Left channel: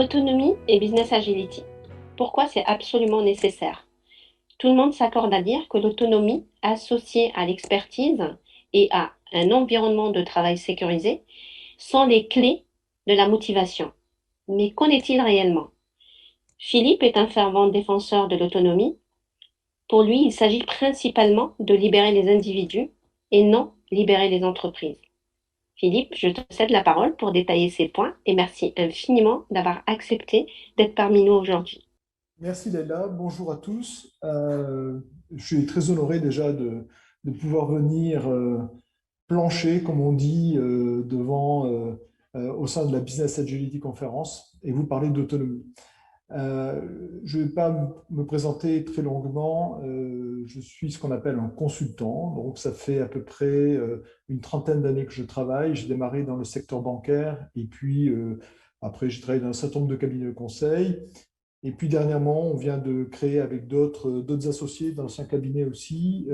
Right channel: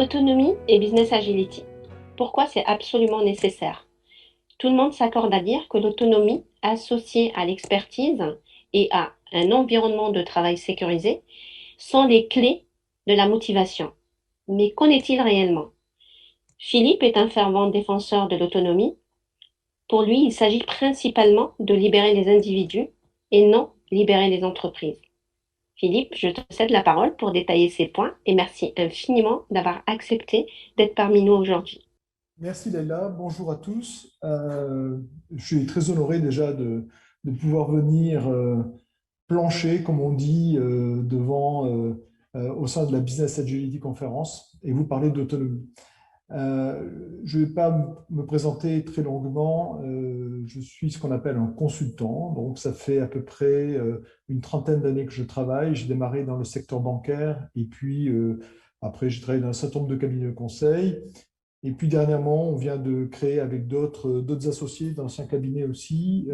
Autonomie et business agility. Pourquoi c'est absolument nécessaire? Tout le monde s'accorde à dire que l'autonomie associée à l'expertise et à un environnement de travail sécurisé sont les clés de la motivation. Mais qu'en est-il réellement? Philippe est un fervent défenseur de l'autonomie. Pour lui, il s'agit principalement de libérer les individus et non libérer les entreprises. Philippe, je te cède la parole pour détailler ces points et merci infiniment d'avoir accepté d'être parmi nous aujourd'hui. Merci Leïla, bonjour à tous. Je suis très honoré déjà de pouvoir venir plancher, comme on dit, au sein de la Business Agility Conference et vous parler d'autonomie. Je ne vais pas me présenter très longuement. Je suis ce qu'on appelle un consultant. Donc, ça fait à peu près une trentaine d'années que je travaille. J'ai démarré dans le secteur bancaire et puis après, j'ai travaillé dans un certain nombre de cabinets de conseil. Et puis dernièrement, on vient de créer avec d'autres associés d'anciens cabinets aussi,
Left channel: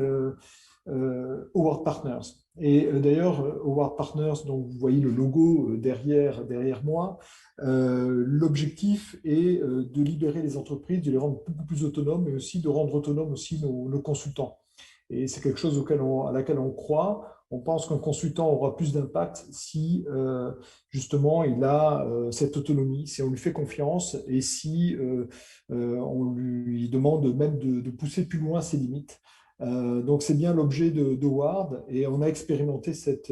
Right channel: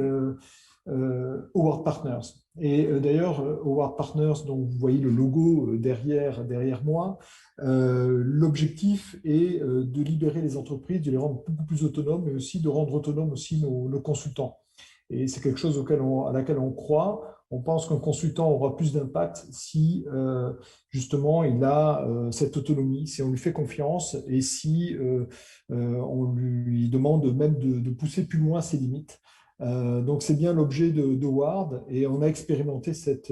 Howard Partners. Et d'ailleurs, Howard Partners, donc vous voyez le logo derrière moi, l'objectif est de libérer les entreprises, de les rendre beaucoup plus autonomes, mais aussi de rendre autonomes aussi nos consultants. Et c'est quelque chose à laquelle on croit. On pense qu'un consultant aura plus d'impact si justement il a cette autonomie, si on lui fait confiance et si on lui demande même de pousser plus loin ses limites. Donc c'est bien l'objet de Ward et on a expérimenté cette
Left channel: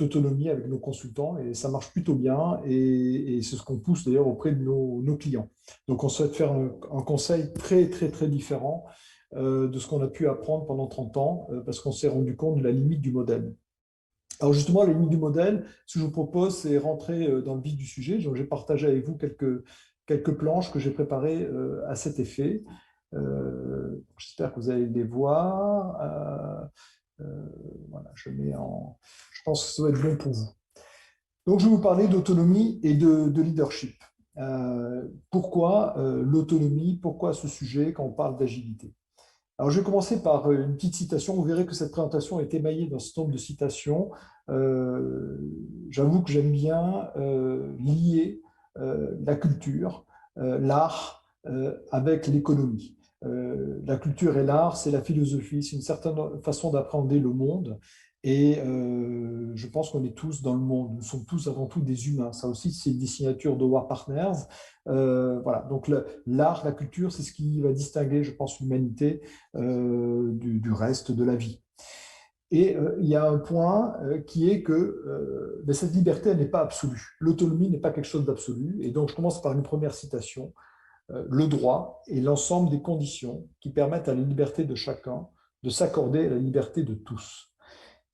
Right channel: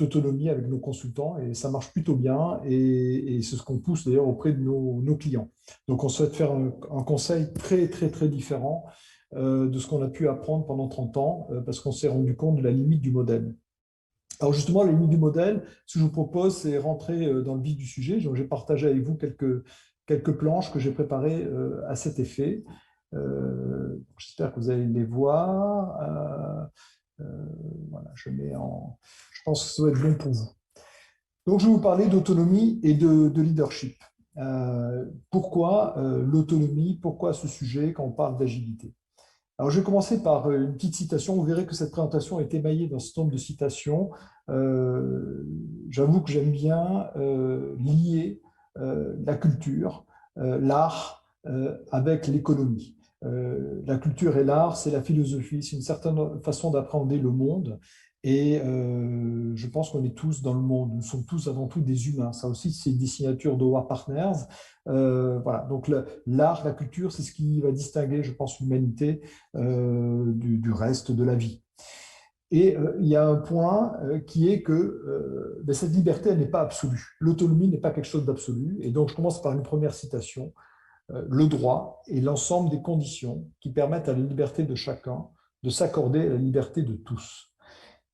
autonomie avec nos consultants et ça marche plutôt bien et c'est ce qu'on pousse d'ailleurs auprès de nos clients. Donc on souhaite faire un conseil très très très différent de ce qu'on a pu apprendre pendant 30 ans parce qu'on s'est rendu compte de la limite du modèle. Alors justement, la limite du modèle, ce que je vous propose, c'est rentrer dans le vif du sujet. J'ai partagé avec vous quelques planches que j'ai préparées à cet effet. J'espère que vous allez les voir. Voilà, je pense que ça va être bon pour vous. Donc, je vais vous parler d'autonomie et de leadership. Pourquoi l'autonomie? Pourquoi ce sujet quand on parle d'agilité? Alors, je vais commencer par une petite citation. Vous verrez que cette présentation est émaillée d'un certain nombre de citations. J'avoue que j'aime bien lier la culture, l'art, avec l'économie. La culture et l'art, c'est la philosophie, c'est une certaine façon d'appréhender le monde. Et je pense qu'on est tous dans le monde. Nous sommes tous avant tout des humains. Ça aussi, c'est une des signatures de War Partners. Voilà. Donc, l'art, la culture, c'est ce qui va distinguer, je pense, l'humanité du reste de la vie. Et il y a un point qui est que ben, cette liberté, elle n'est pas absolue. L'autonomie n'est pas quelque chose d'absolu. Et donc, je commence par une première citation. Le droit est l'ensemble des conditions qui permettent à la liberté de chacun de s'accorder à la liberté de tous.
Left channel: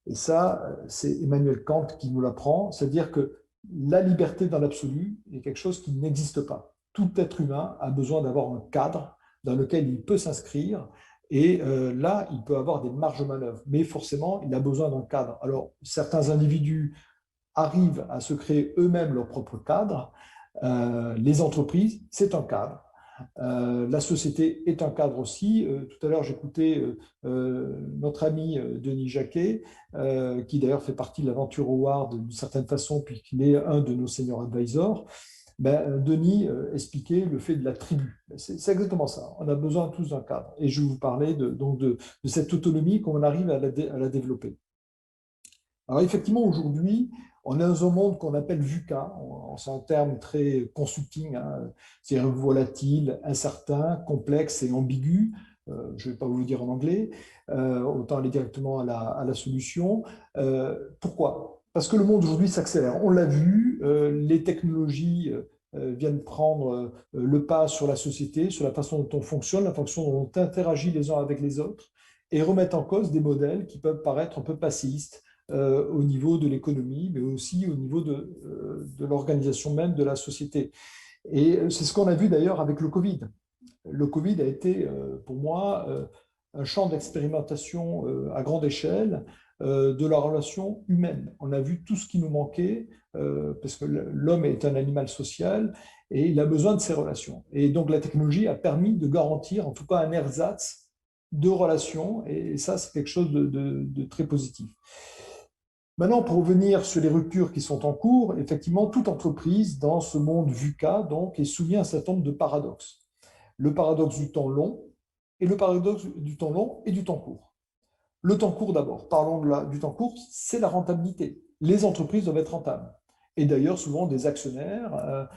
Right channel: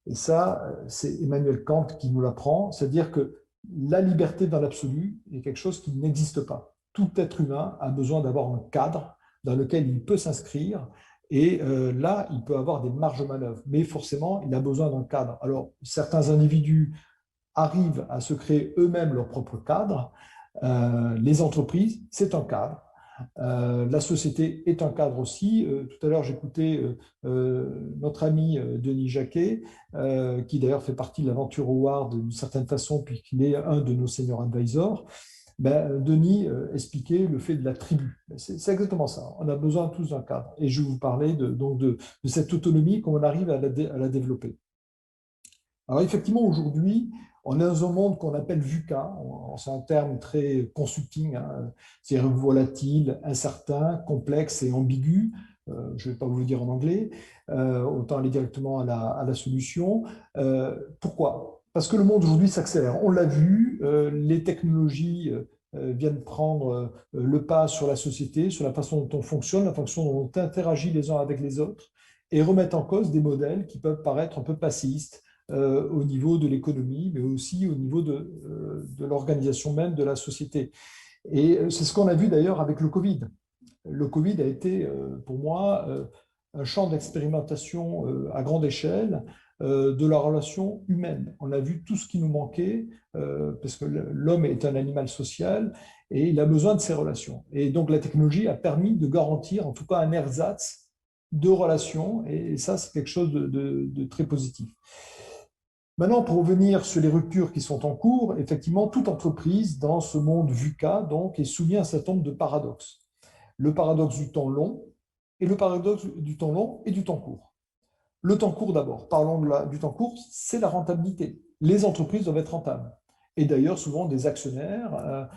Et ça, c'est Emmanuel Kant qui nous l'apprend, c'est-à-dire que la liberté dans l'absolu est quelque chose qui n'existe pas. Tout être humain a besoin d'avoir un cadre dans lequel il peut s'inscrire et là, il peut avoir des marges de manœuvre, mais forcément, il a besoin d'un cadre. Alors, certains individus arrivent à se créer eux-mêmes leur propre cadre. Les entreprises, c'est un cadre. La société est un cadre aussi. Tout à l'heure, j'écoutais notre ami Denis Jacquet, qui d'ailleurs fait partie de l'aventure Howard d'une certaine façon, puisqu'il est un de nos senior advisors. Ben, Denis expliquait le fait de la tribu. C'est exactement ça. On a besoin tous d'un cadre. Et je vais vous parler de cette autonomie, comment on arrive à la développer. Alors effectivement, aujourd'hui, on est dans un monde qu'on appelle VUCA. C'est un terme très consulting, hein. C'est volatile, incertain, complexe et ambigu. Je ne vais pas vous le dire en anglais, autant aller directement à la solution. Pourquoi? Parce que le monde aujourd'hui s'accélère. On l'a vu, les technologies viennent prendre le pas sur la société, sur la façon dont on fonctionne, la façon dont on interagit les uns avec les autres, et remettent en cause des modèles qui peuvent paraître un peu passistes au niveau de l'économie, mais aussi au niveau de l'organisation même de la société. Et c'est ce qu'on a vu d'ailleurs avec le Covid. Le Covid a été, pour moi, un champ d'expérimentation à grande échelle de la relation humaine. On a vu tout ce qui nous manquait, parce que l'homme est un animal social et il a besoin de ces relations. Et donc la technologie a permis de garantir, en tout cas, un ersatz de relations, et ça, c'est quelque chose de très positif. Maintenant, pour revenir sur les ruptures qui sont en cours, effectivement, toute entreprise dans ce monde VUCA donc, est soumise à un certain nombre de paradoxes. Le paradoxe du temps long et le paradoxe du temps long et du temps court. Le temps court d'abord, parlons du temps court, c'est la rentabilité. Les entreprises doivent être rentables. Et d'ailleurs, souvent, des actionnaires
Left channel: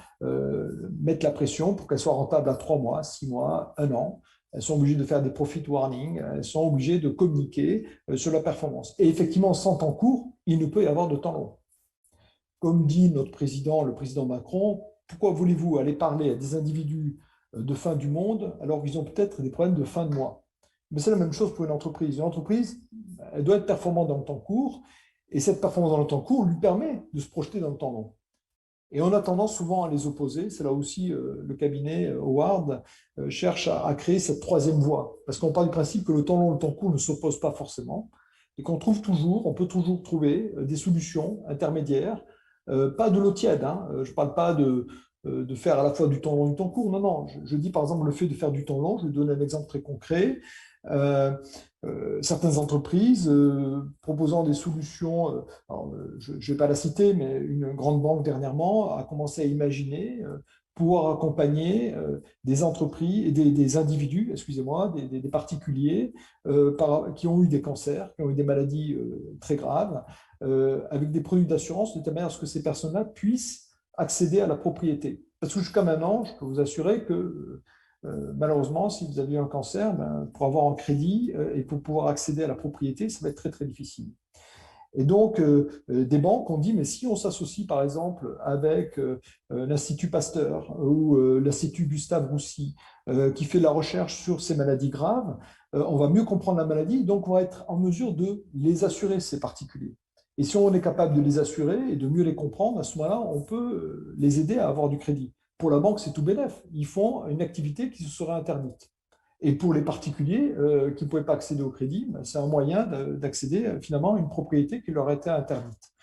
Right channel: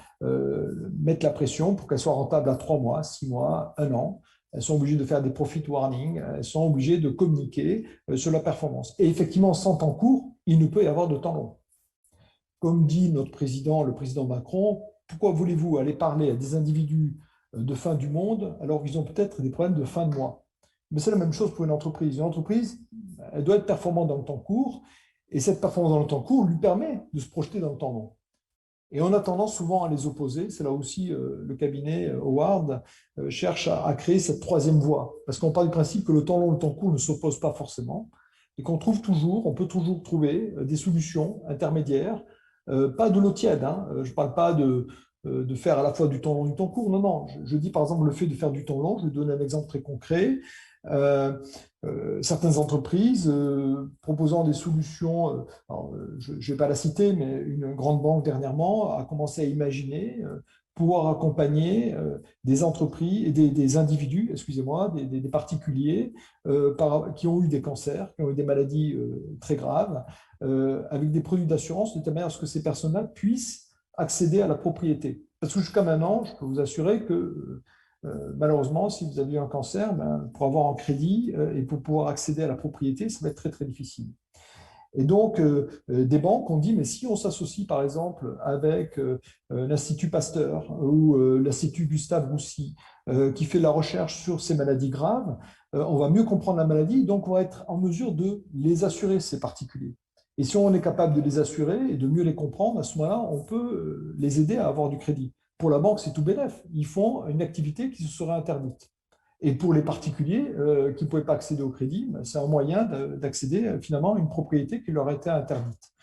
mettent la pression pour qu'elles soient rentables à 3 mois, 6 mois, 1 an. Elles sont obligées de faire des profit warnings, elles sont obligées de communiquer sur la performance. Et effectivement, sans temps court, il ne peut y avoir de temps long. Comme dit notre président, le président Macron, pourquoi voulez-vous aller parler à des individus de fin du monde alors qu'ils ont peut-être des problèmes de fin de mois? Mais c'est la même chose pour une entreprise. Une entreprise, elle doit être performante dans le temps court, et cette performance dans le temps court lui permet de se projeter dans le temps long. Et on a tendance souvent à les opposer. C'est là aussi le cabinet Howard cherche à créer cette troisième voie. Parce qu'on part du principe que le temps long et le temps court ne s'opposent pas forcément. Et qu'on trouve toujours, on peut toujours trouver des solutions intermédiaires. Pas de l'eau tiède. Hein. Je ne parle pas de faire à la fois du temps long et du temps court. Non, non. Je dis par exemple le fait de faire du temps long. Je vais donner un exemple très concret. Euh, Certaines entreprises proposant des solutions, je ne vais pas la citer, mais une grande banque dernièrement a commencé à imaginer pour accompagner des entreprises, des individus, excusez-moi, des particuliers qui ont eu des cancers, qui ont eu des maladies très graves, avec des produits d'assurance, de telle manière à ce que ces personnes-là puissent accéder à la propriété. Parce que jusqu'à maintenant, je peux vous assurer que malheureusement, si vous avez eu un cancer, ben, pour avoir un crédit et pour pouvoir accéder à la propriété, ça va être très, très difficile. Et donc, des banques ont dit, mais si on s'associe par exemple avec l'Institut Pasteur ou l'Institut Gustave Roussy, qui fait de la recherche sur ces maladies graves, on va mieux comprendre la maladie, donc on va être en mesure de les assurer, ces particuliers. Et si on est capable de les assurer et de mieux les comprendre, à ce moment-là, on peut les aider à avoir du crédit. Pour la banque, c'est tout bénef. Ils font une activité qui se serait interdite. Et pour les particuliers qui ne pouvaient pas accéder au crédit, c'est un moyen d'accéder finalement à une propriété qui leur était interdite.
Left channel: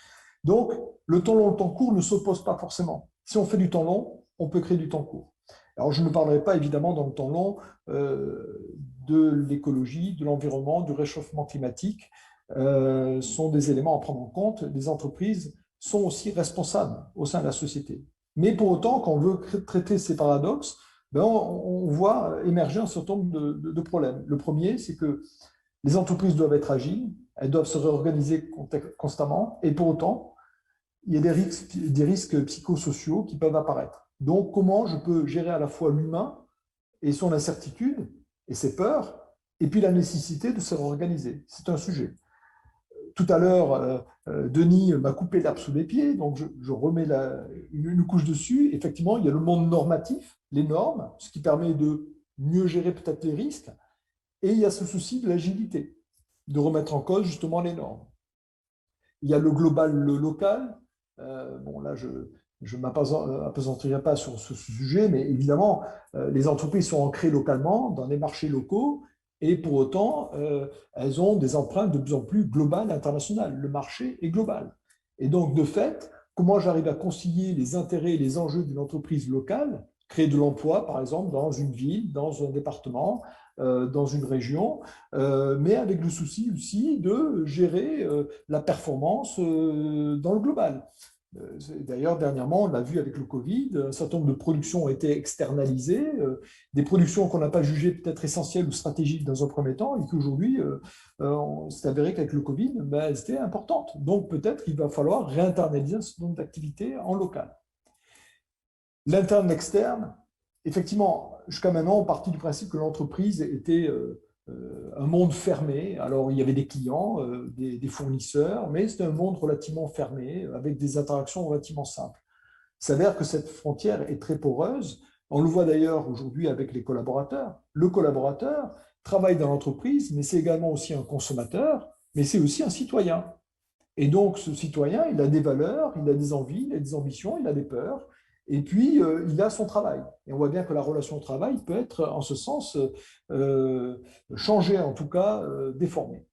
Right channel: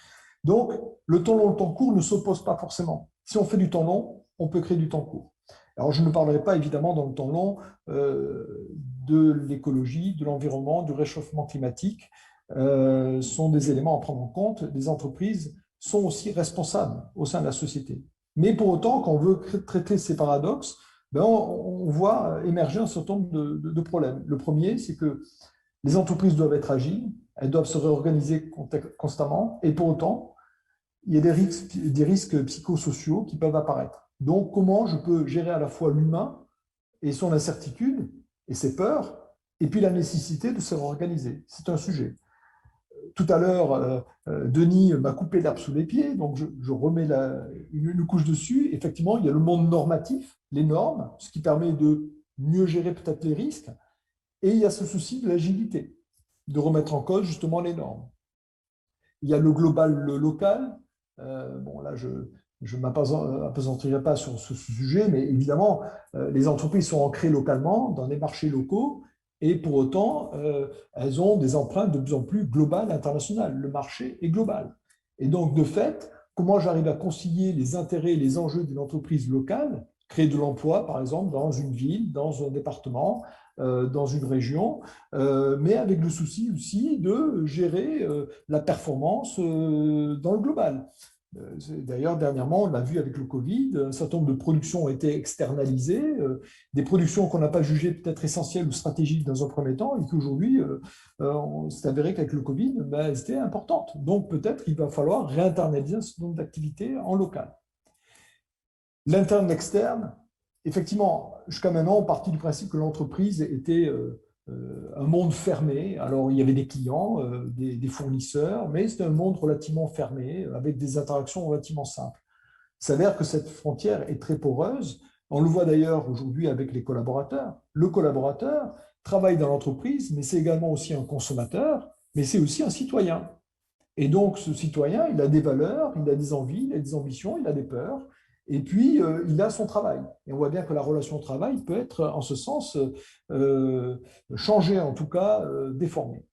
Donc, le temps long et le temps court ne s'opposent pas forcément. Si on fait du temps long, on peut créer du temps court. Alors, je ne parlerai pas évidemment dans le temps long de l'écologie, de l'environnement, du réchauffement climatique. Sont des éléments à prendre en compte. Les entreprises sont aussi responsables au sein de la société. Mais pour autant, quand on veut traiter ces paradoxes, ben on voit émerger un certain nombre de problèmes. Le premier, c'est que les entreprises doivent être agiles, elles doivent se réorganiser constamment, et pour autant, il y a des risques psychosociaux qui peuvent apparaître. Donc, comment je peux gérer à la fois l'humain et son incertitude et ses peurs, et puis la nécessité de se réorganiser? C'est un sujet. Tout à l'heure, Denis m'a coupé l'herbe sous les pieds, donc je remets une couche dessus. Effectivement, il y a le monde normatif, les normes, ce qui permet de mieux gérer peut-être les risques, et il y a ce souci de l'agilité, de remettre en cause justement les normes. Il y a le global, le local. Bon, là, je ne m'appesantirai pas sur ce sujet, mais évidemment, les entreprises sont ancrées localement dans des marchés locaux et pour autant, elles ont des empreintes de plus en plus globales et internationales. Le marché est global. Et donc, de fait, comment j'arrive à concilier les intérêts et les enjeux d'une entreprise locale, créer de l'emploi, par exemple, dans une ville, dans un département, dans une région, mais avec le souci aussi de gérer la performance dans le global. D'ailleurs, dernièrement, on l'a vu avec le Covid, un certain nombre de productions ont été externalisées, des productions qu'on n'a pas jugées peut-être essentielles ou stratégiques dans un premier temps, et qu'aujourd'hui, on s'est avéré qu'avec le Covid, ben, elles étaient importantes. Donc peut-être qu'il va falloir réinternaliser un certain nombre d'activités en local. L'interne, l'externe, effectivement, jusqu'à maintenant, on partit du principe que l'entreprise était un monde fermé. Alors, il y avait des clients, des fournisseurs, mais c'était un monde relativement fermé, avec des interactions relativement simples. Il s'avère que cette frontière est très poreuse. On le voit d'ailleurs aujourd'hui avec les collaborateurs. Le collaborateur travaille dans l'entreprise, mais c'est également aussi un consommateur, mais c'est aussi un citoyen. Et donc, ce citoyen, il a des valeurs, il a des envies, il a des ambitions, il a des peurs, et puis il a son travail. Et on voit bien que la relation au travail peut être, en ce sens, changée, en tout cas déformée.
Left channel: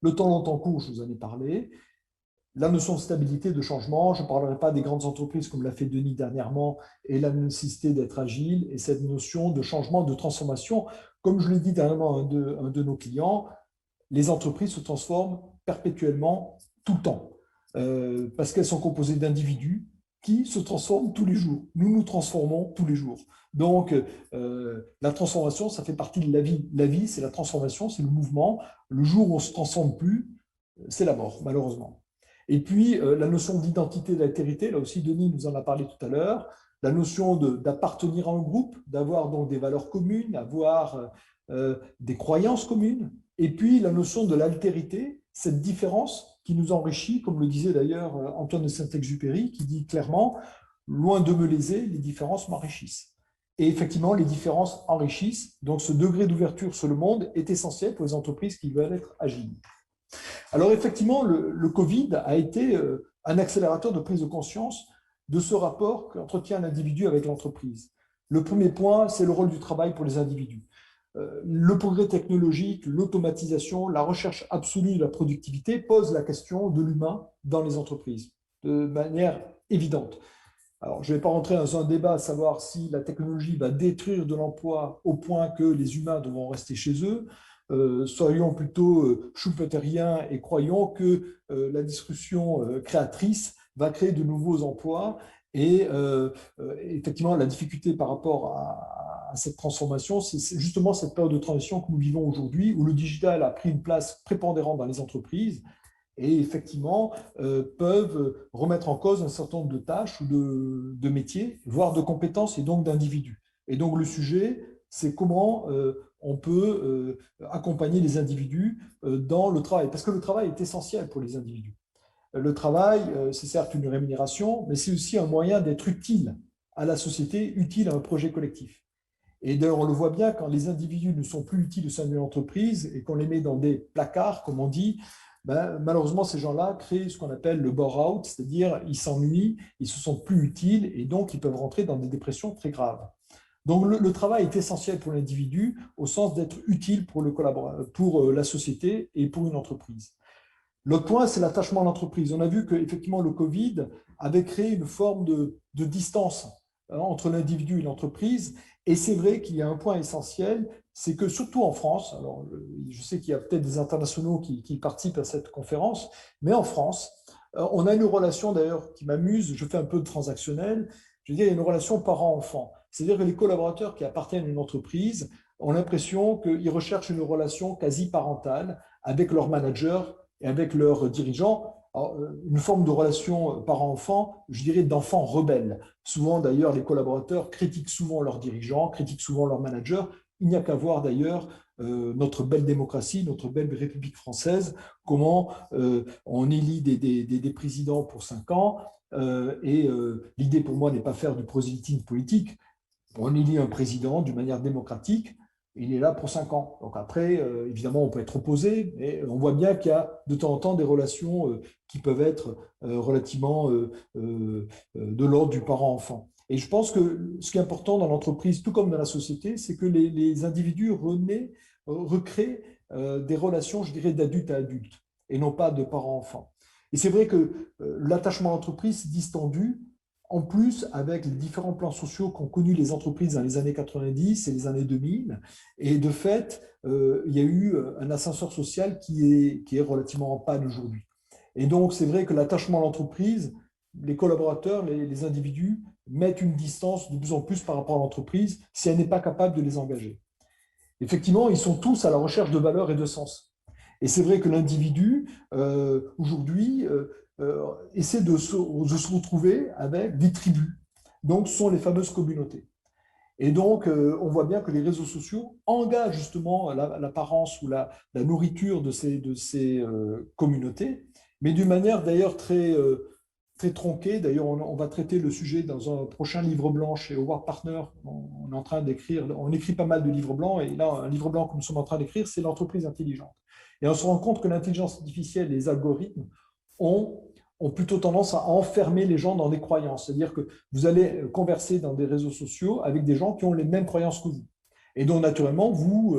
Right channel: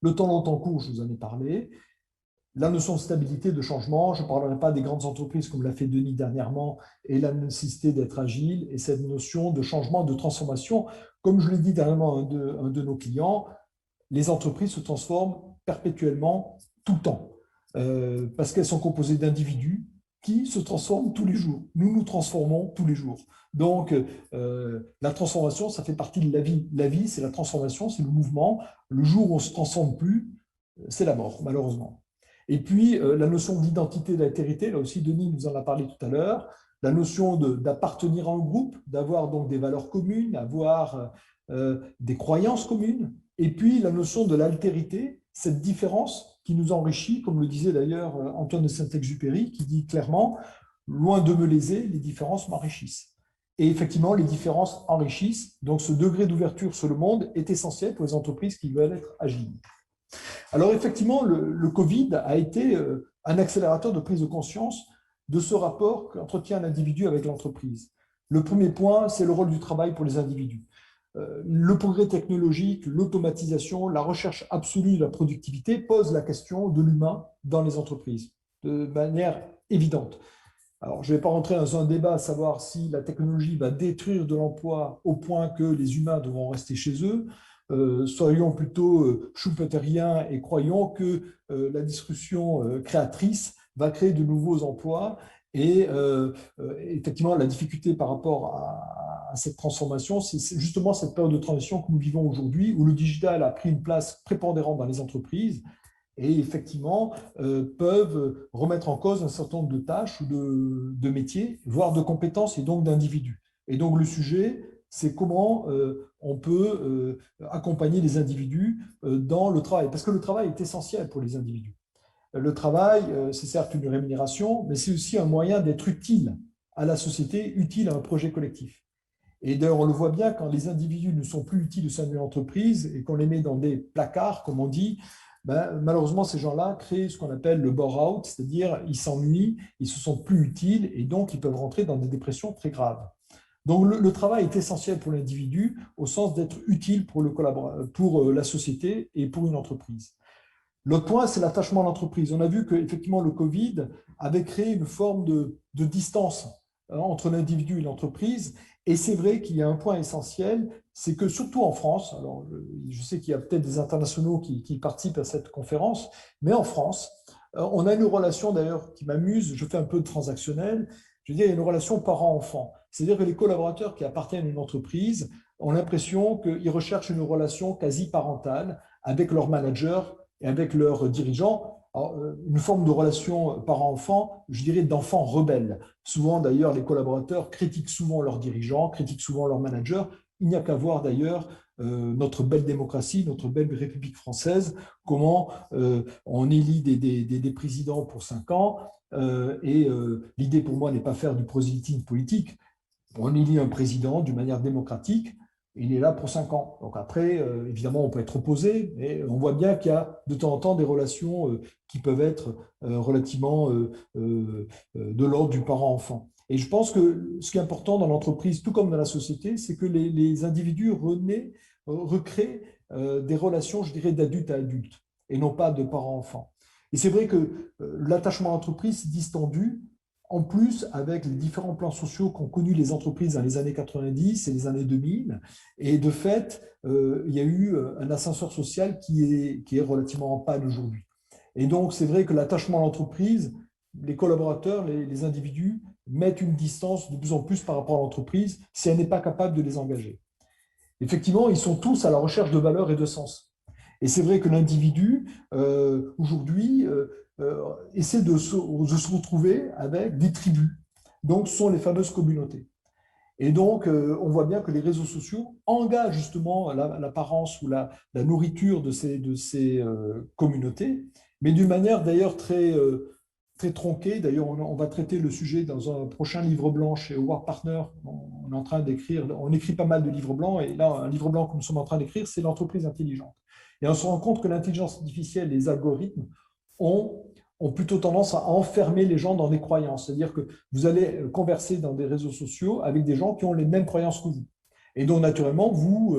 Le temps long, temps court, je vous en ai parlé. La notion de stabilité, de changement, je ne parlerai pas des grandes entreprises comme l'a fait Denis dernièrement, et la nécessité d'être agile, et cette notion de changement, de transformation. Comme je l'ai dit dernièrement à un de nos clients, les entreprises se transforment perpétuellement tout le temps, parce qu'elles sont composées d'individus qui se transforment tous les jours. Nous nous transformons tous les jours. Donc, la transformation, ça fait partie de la vie. La vie, c'est la transformation, c'est le mouvement. Le jour où on ne se transforme plus, c'est la mort, malheureusement. Et puis, la notion d'identité et d'altérité, là aussi, Denis nous en a parlé tout à l'heure, la notion d'appartenir à un groupe, d'avoir donc des valeurs communes, avoir des croyances communes, et puis la notion de l'altérité, cette différence qui nous enrichit, comme le disait d'ailleurs Antoine de Saint-Exupéry, qui dit clairement, loin de me léser, les différences m'enrichissent. Et effectivement, les différences enrichissent, donc ce degré d'ouverture sur le monde est essentiel pour les entreprises qui veulent être agiles. Alors effectivement, le Covid a été un accélérateur de prise de conscience de ce rapport qu'entretient l'individu avec l'entreprise. Le premier point, c'est le rôle du travail pour les individus. Le progrès technologique, l'automatisation, la recherche absolue de la productivité posent la question de l'humain dans les entreprises de manière évidente. Alors, je ne vais pas rentrer dans un débat à savoir si la technologie va détruire de l'emploi au point que les humains devront rester chez eux. Soyons plutôt schumpeteriens et croyons que la disruption créatrice va créer de nouveaux emplois. Et effectivement, la difficulté par rapport à cette transformation, c'est justement cette période de transition que nous vivons aujourd'hui, où le digital a pris une place prépondérante dans les entreprises et effectivement peuvent remettre en cause un certain nombre de tâches ou de métiers, voire de compétences et donc d'individus. Et donc le sujet, c'est comment on peut accompagner les individus dans le travail, parce que le travail est essentiel pour les individus. Le travail, c'est certes une rémunération, mais c'est aussi un moyen d'être utile à la société, utile à un projet collectif. Et d'ailleurs, on le voit bien quand les individus ne sont plus utiles au sein de l'entreprise et qu'on les met dans des placards, comme on dit, ben, malheureusement, ces gens-là créent ce qu'on appelle le bore-out, c'est-à-dire ils s'ennuient, ils ne se sentent plus utiles et donc ils peuvent rentrer dans des dépressions très graves. Donc le travail est essentiel pour l'individu au sens d'être utile pour, pour la société et pour une entreprise. L'autre point, c'est l'attachement à l'entreprise. On a vu qu'effectivement, le Covid avait créé une forme de distance entre l'individu et l'entreprise. Et c'est vrai qu'il y a un point essentiel, c'est que surtout en France, alors je sais qu'il y a peut-être des internationaux qui participent à cette conférence, mais en France, on a une relation d'ailleurs qui m'amuse, je fais un peu de transactionnel, je veux dire, il y a une relation parent-enfant. C'est-à-dire que les collaborateurs qui appartiennent à une entreprise ont l'impression qu'ils recherchent une relation quasi parentale avec leur manager et avec leurs dirigeants. Alors, une forme de relation parent-enfant, je dirais d'enfant rebelle. Souvent, d'ailleurs, les collaborateurs critiquent souvent leurs dirigeants, critiquent souvent leurs managers. Il n'y a qu'à voir, d'ailleurs, notre belle démocratie, notre belle République française, comment on élit des présidents pour 5 ans. L'idée, pour moi, n'est pas faire du prosélytisme politique. On élit un président d'une manière démocratique, il est là pour 5 ans. Donc après, évidemment, on peut être opposé, mais on voit bien qu'il y a de temps en temps des relations qui peuvent être relativement de l'ordre du parent-enfant. Et je pense que ce qui est important dans l'entreprise, tout comme dans la société, c'est que les individus recréent des relations, je dirais, d'adulte à adulte, et non pas de parent-enfant. Et c'est vrai que l'attachement à l'entreprise est distendu, en plus, avec les différents plans sociaux qu'ont connus les entreprises dans les années 90 et les années 2000, et de fait, il y a eu un ascenseur social qui est relativement en panne aujourd'hui. Et donc, c'est vrai que l'attachement à l'entreprise, les collaborateurs, les individus mettent une distance de plus en plus par rapport à l'entreprise si elle n'est pas capable de les engager. Effectivement, ils sont tous à la recherche de valeur et de sens. Et c'est vrai que l'individu, aujourd'hui, essaie de se retrouver avec des tribus. Donc, ce sont les fameuses communautés. Et donc, on voit bien que les réseaux sociaux engagent justement l'apparence ou la nourriture de ces communautés, mais d'une manière d'ailleurs très tronquée. D'ailleurs, on va traiter le sujet dans un prochain livre blanc chez Howard Partner. On est en train d'écrire, on écrit pas mal de livres blancs, et là, un livre blanc que nous sommes en train d'écrire, c'est l'entreprise intelligente. Et on se rend compte que l'intelligence artificielle, les algorithmes, ont, ont plutôt tendance à enfermer les gens dans des croyances. C'est-à-dire que vous allez converser dans des réseaux sociaux avec des gens qui ont les mêmes croyances que vous. Et donc, naturellement, vous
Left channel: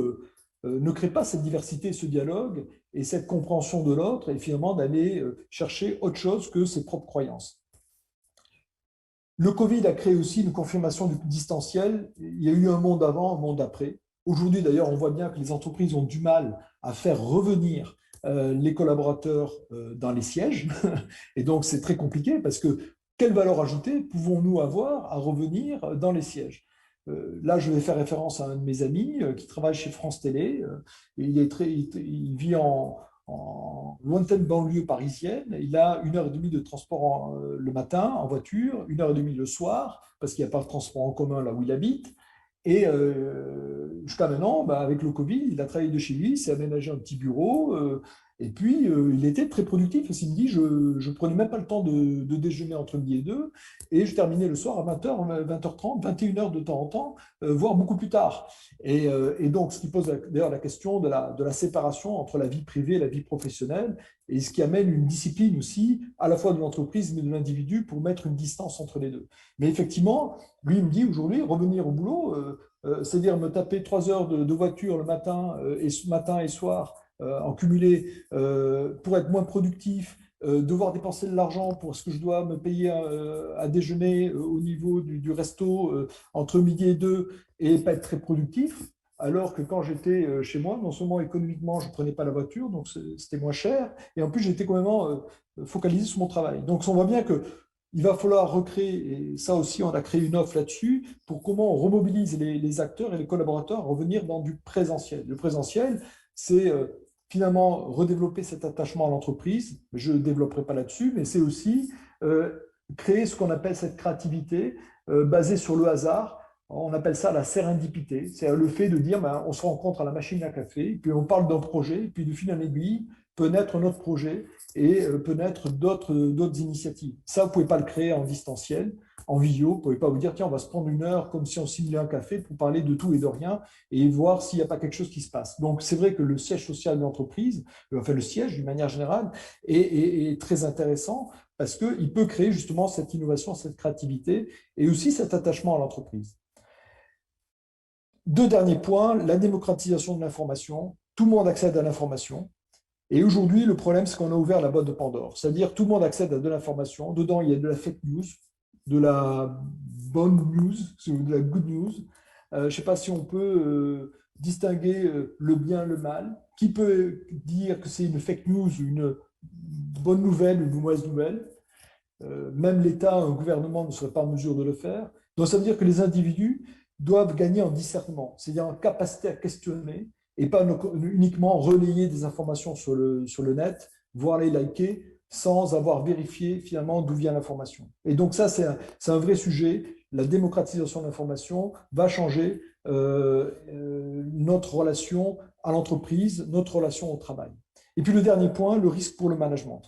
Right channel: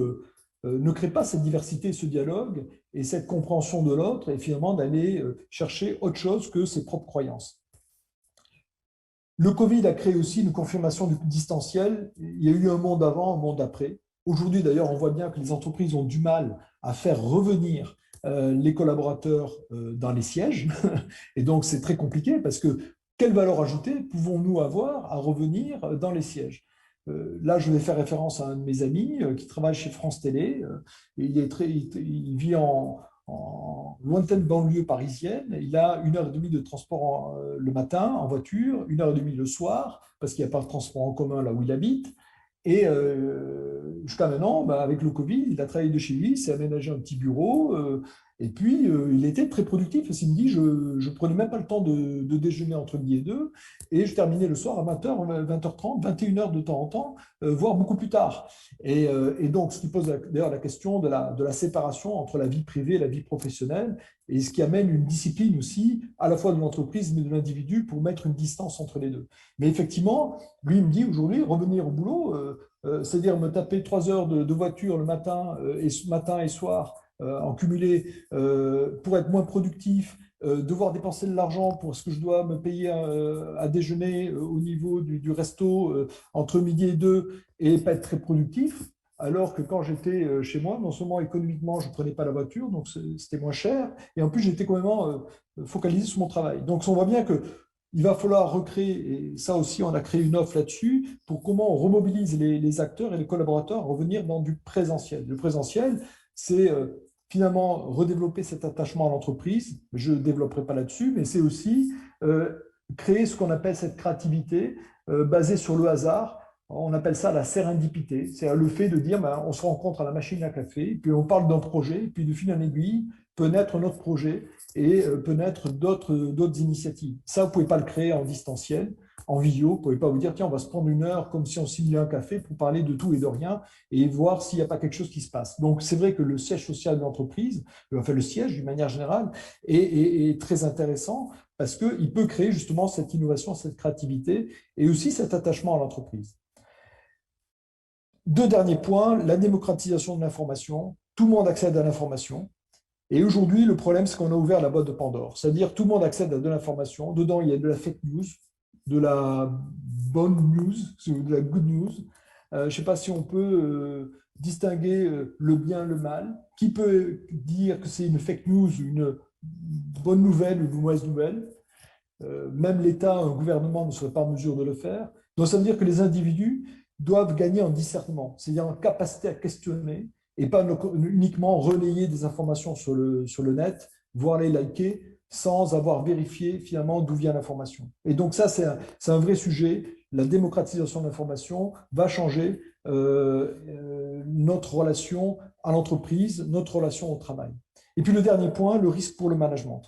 ne créez pas cette diversité, ce dialogue et cette compréhension de l'autre, et finalement d'aller chercher autre chose que ses propres croyances. Le Covid a créé aussi une confirmation du distanciel. Il y a eu un monde avant, un monde après. Aujourd'hui, d'ailleurs, on voit bien que les entreprises ont du mal à faire revenir les collaborateurs dans les sièges. Et donc, c'est très compliqué parce que quelle valeur ajoutée pouvons-nous avoir à revenir dans les sièges? Là, je vais faire référence à un de mes amis qui travaille chez France Télé. Il vit en lointaine banlieue parisienne. Il a 1 heure et demie de transport le matin en voiture, 1 heure et demie le soir, parce qu'il n'y a pas de transport en commun là où il habite. Et jusqu'à maintenant, bah, avec le Covid, il a travaillé de chez lui, il s'est aménagé un petit bureau, et puis il était très productif. Parce qu'il me dit, je ne prenais même pas le temps de déjeuner entre midi et deux, et je terminais le soir à 20h, 20h30, 21h de temps en temps, voire beaucoup plus tard. Et donc, ce qui pose d'ailleurs la question de la séparation entre la vie privée et la vie professionnelle, et ce qui amène une discipline aussi, à la fois de l'entreprise, mais de l'individu, pour mettre une distance entre les deux. Mais effectivement, lui, il me dit aujourd'hui, revenir au boulot, c'est-à-dire me taper 3 heures de voiture le matin et soir en cumulé pour être moins productif, devoir dépenser de l'argent pour ce que je dois me payer à déjeuner au niveau du resto entre midi et deux et pas être très productif. Alors que quand j'étais chez moi, non seulement économiquement, je ne prenais pas la voiture, donc c'était moins cher, et en plus j'étais quand même focalisé sur mon travail. Donc on voit bien que il va falloir recréer, et ça aussi on a créé une offre là-dessus, pour comment on remobilise les acteurs et les collaborateurs à revenir dans du présentiel. Le présentiel, c'est finalement redévelopper cet attachement à l'entreprise. Je ne développerai pas là-dessus, mais c'est aussi créer ce qu'on appelle cette créativité basée sur le hasard. On appelle ça la sérendipité. C'est le fait de dire, ben, on se rencontre à la machine à café, puis on parle d'un projet, puis de fil en aiguille peut naître notre projet et peut naître d'autres initiatives. Ça, vous ne pouvez pas le créer en distanciel, en visio. Vous ne pouvez pas vous dire, tiens, on va se prendre 1 heure comme si on simulait un café pour parler de tout et de rien et voir s'il n'y a pas quelque chose qui se passe. Donc, c'est vrai que le siège social de l'entreprise, enfin le siège d'une manière générale, est très intéressant parce qu'il peut créer justement cette innovation, cette créativité et aussi cet attachement à l'entreprise. Deux derniers points, la démocratisation de l'information. Tout le monde accède à l'information. Et aujourd'hui, le problème, c'est qu'on a ouvert la boîte de Pandore. C'est-à-dire tout le monde accède à de l'information. Dedans, il y a de la fake news, de la bonne news, de la good news. Je ne sais pas si on peut distinguer le bien et le mal. Qui peut dire que c'est une fake news, une bonne nouvelle ou une mauvaise nouvelle? Même l'État, un gouvernement ne serait pas en mesure de le faire. Donc ça veut dire que les individus doivent gagner en discernement, c'est-à-dire en capacité à questionner et pas uniquement relayer des informations sur le net, voire les liker sans avoir vérifié finalement d'où vient l'information. Et donc ça, c'est un vrai sujet. La démocratisation de l'information va changer notre relation à l'entreprise, notre relation au travail. Et puis le dernier point, le risque pour le management.